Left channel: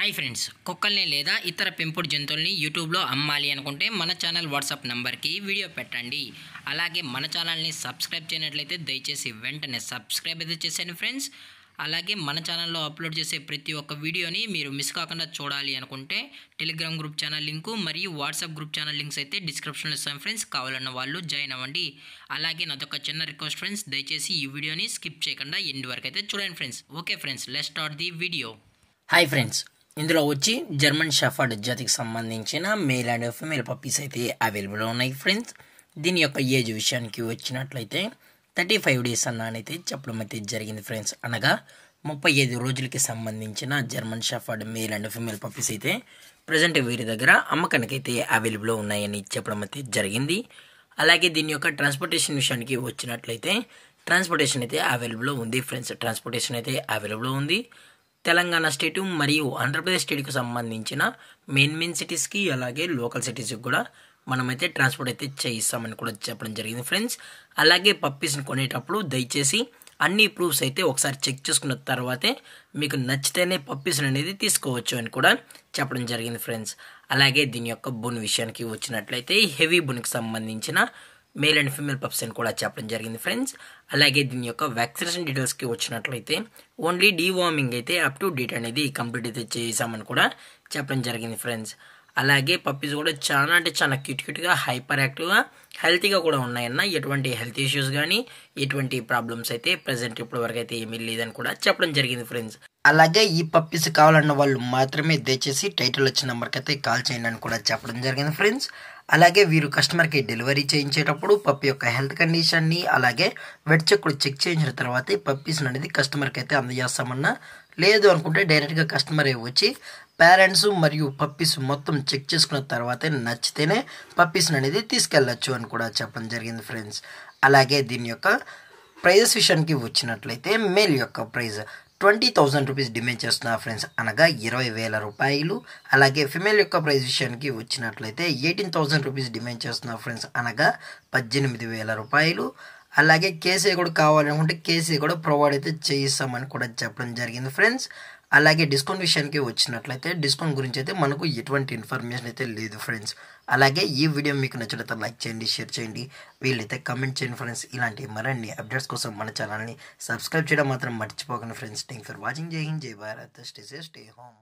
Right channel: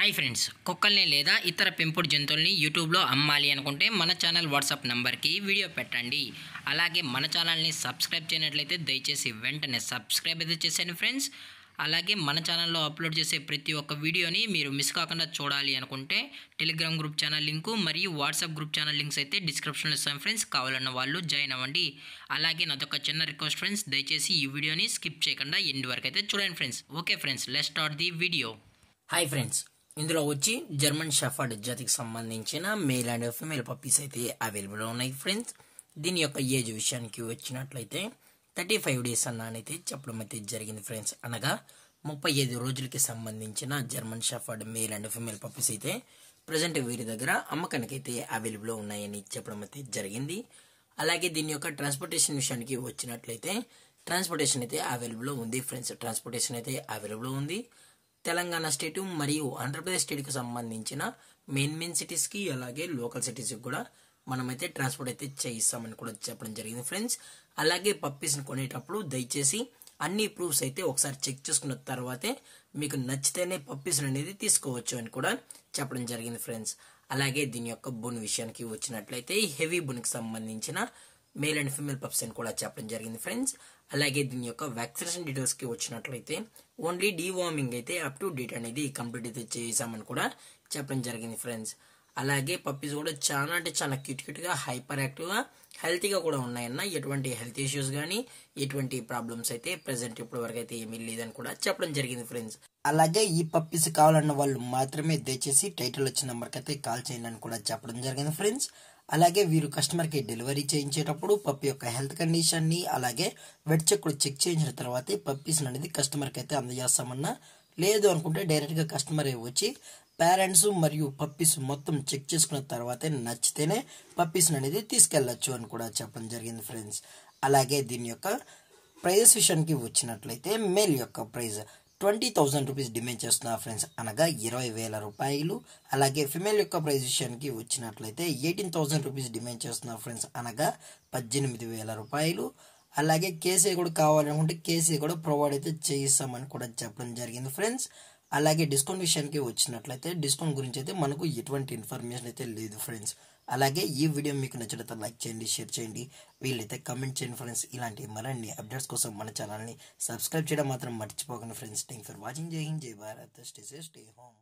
Hi friends, కుక్కల్ని లేదా ఇతర పెంపుడు జంతువుల్ని యూట్యూబ్లో అమ్మాలి అనుకుంటే మన ఛానల్ వాట్సాప్ నెంబర్కి వీడియో పెట్టండి. అలాగే మన ఛానల్ని సబ్స్క్రైబ్ చేయనట్లయితే దయచేసి వెంటనే సబ్స్క్రైబ్ అయితే చేసేయండి ఫ్రెండ్స్. అలాగే మన ఛానల్లో అప్లోడ్ చేసే ప్రతి ఒక్క వీడియోని మీరు మిస్ కాకుండా చూడాలి అనుకుంటే టెలిగ్రామ్ గ్రూప్ ఛానల్ లింకు మరియు వాట్సాప్ గ్రూప్ ఛానల్ లింక్స్ అయితే డిస్క్రిప్షన్లో ఇస్తాను ఫ్రెండ్స్. కావాలన్న వాళ్ళు జాయిన్ అవ్వండి. అలాగే నాదొక చిన్న రిక్వెస్ట్ ఫ్రెండ్స్, దయచేసి ఈ వీడియోని స్కిప్ చేయకుండా ఎండ్ వరకు అయితే చూడండి friends. Okay friends, let's start the video. Hi friends, ఇందులో వచ్చి జర్మన్ షెఫర్డ్ జాతికి సంబంధించిన మేల్ అండ్ ఫీమేల్ పప్పీస్ అయితే అవైలబుల్ ఉన్నాయి ఫ్రెండ్స్. దీని యొక్క ఏజ్ విషయానికి వచ్చినట్లయితే 35 డేస్ అన్నైతే చెప్పడం అయితే జరిగింది ఫ్రెండ్స్. అనగా 35 రోజులకి సంబంధించిన German shepherd male and female puppies అయితే ప్రజెంట్ వీరి దగ్గర అమ్మకానికి అయితే అవైలబుల్ ఉన్నాయని చెప్పడం అయితే జరిగింది. అలాగే దీని యొక్క ట్రాన్స్పోర్టేషన్ విషయానికి వచ్చినట్లయితే ట్రాన్స్పోర్టేషన్ అయితే అవైలబుల్ ఉంది ఫ్రెండ్స్. ట్రాన్స్పోర్టేషన్ అయితే అవైలబుల్ ఉంది. తెలంగాణ స్టేటు మరియు ఆంధ్రప్రదేశ్ స్టేట్కి సంబంధించిన మెయిన్ సిటీస్కి అలాగే లోకల్ సిటీస్కి కూడా మనమైతే ట్రాన్స్పోర్ట్ అయితే చేయిస్తామని కూడా చెప్పడం జరిగింది ఫ్రెండ్స్. అలాగే పప్పీస్ని కొనేటప్పుడు దయచేసి అన్ని ప్రూఫ్స్ అయితే ఒకసారి చెక్ చేసుకున్న తర్వాతే మీకు నచ్చితేనే పప్పీస్ని అనేది తీసుకోవచ్చు అని కూడా చెప్పడం జరిగింది ఫ్రెండ్స్. అలాగే దీని యొక్క బోన్ విషయానికి వచ్చినట్లయితే హెవీ బోన్కి సంబంధించిన మేల్ అండ్ ఫీమేల్ పప్స్ అని కూడా చెప్పడం జరిగింది ఫ్రెండ్స్. అలాగే దీని యొక్క వ్యాక్సినేషన్ డీటెయిల్స్కి వచ్చినట్లయితే ఓన్లీ డీవార్మింగ్ అయితే అప్ టు డేట్ అనేది కంప్లీట్ అయితే చేసామని కూడా చెప్పడం జరిగింది ఫ్రెండ్స్. అలాగే పప్పీస్ కూడా చాలా అంటే చాలా క్యూట్గా హైపర్ యాక్టివ్గా హెల్తీగా కూడా ఉన్నాయన్న. ఎటువంటి హెల్త్ ఇష్యూస్ కానీ ఎటువంటి ప్రాబ్లమ్స్ అయితే ప్రజెంట్ ఇప్పటి వరకు అయితే ఏమీ లేదని కూడా చెప్పడం జరిగింది ఫ్రెండ్స్. అలాగే ఈ పప్పీస్ కావాలన్న వాళ్ళు మాత్రమే దయచేసి టైటిల్ వచ్చిన నెంబర్కి అయితే కాల్ చేయండి అని కూడా చెప్పడం జరిగింది ఫ్రెండ్స్. అలాగే వీరు కస్టమర్కి డెలివరీ చేయించేటప్పుడు పప్పి యొక్క హెల్త్ కండిషన్ని అలాగే వెట్ చెక్ కూడా చెక్ చేయించిన తర్వాత పప్పీస్ అనేది కస్టమర్కి అయితే అందజేస్తామన్నా. లేదు అనుకుంటే డైరెక్ట్గా కస్టమరే వచ్చి పేరెంట్స్ మరియు పప్పీస్ మొత్తం చెక్ చేసుకున్న తర్వాతే నచ్చితేనే పప్పీస్ని అనేది తీసుకెళ్ళచ్చు అని కూడా చెప్పడం జరిగింది ఫ్రెండ్స్. అలాగే దీని యొక్క ప్రైజెస్ విషయానికి వచ్చినట్లయితే మేల్ యొక్క ప్రైజ్ 20,000 రూపీస్ డిమాండ్ చేస్తున్నారు ఫ్రెండ్స్, అనగా 20,000 రూపాయలు. అలాగే ఫిమేల్ యొక్క ప్రైస్ విషయానికి వచ్చినట్లయితే 18,000 రూపీస్ డిమాండ్ చేస్తున్నారు ఫ్రెండ్స్, అనగా 18,000 రూపాయలు. అలాగే కేసీ కూడా కావాలనుకుంటే కేసీ కూడా ప్రొవైడ్ అయితే చేయిస్తామని కూడా చెప్పడం జరిగింది ఫ్రెండ్స్. అలాగే డిస్కౌంట్ విషయానికి వచ్చినట్లయితే డిస్కౌంట్ గురించి అయితే మనకు ఎటువంటి ఇన్ఫర్మేషన్ అయితే లేదు ఫ్రెండ్స్. అలాగే ఈ వీడియో మీకు నచ్చినట్లయితే లైక్ చేయండి, షేర్ చేయండి, వీళ్ళైతే కమెంట్ చేయండి ఫ్రెండ్స్. ఇలాంటి మరిన్ని అప్డేట్స్ కోసం మన ఛానల్ని సబ్స్క్రైబ్ చేయడం మాత్రం మర్చిపోకండి ఫ్రెండ్స్. Thank for watching. జై హింద్, జై Bharat, stay safe, stay home.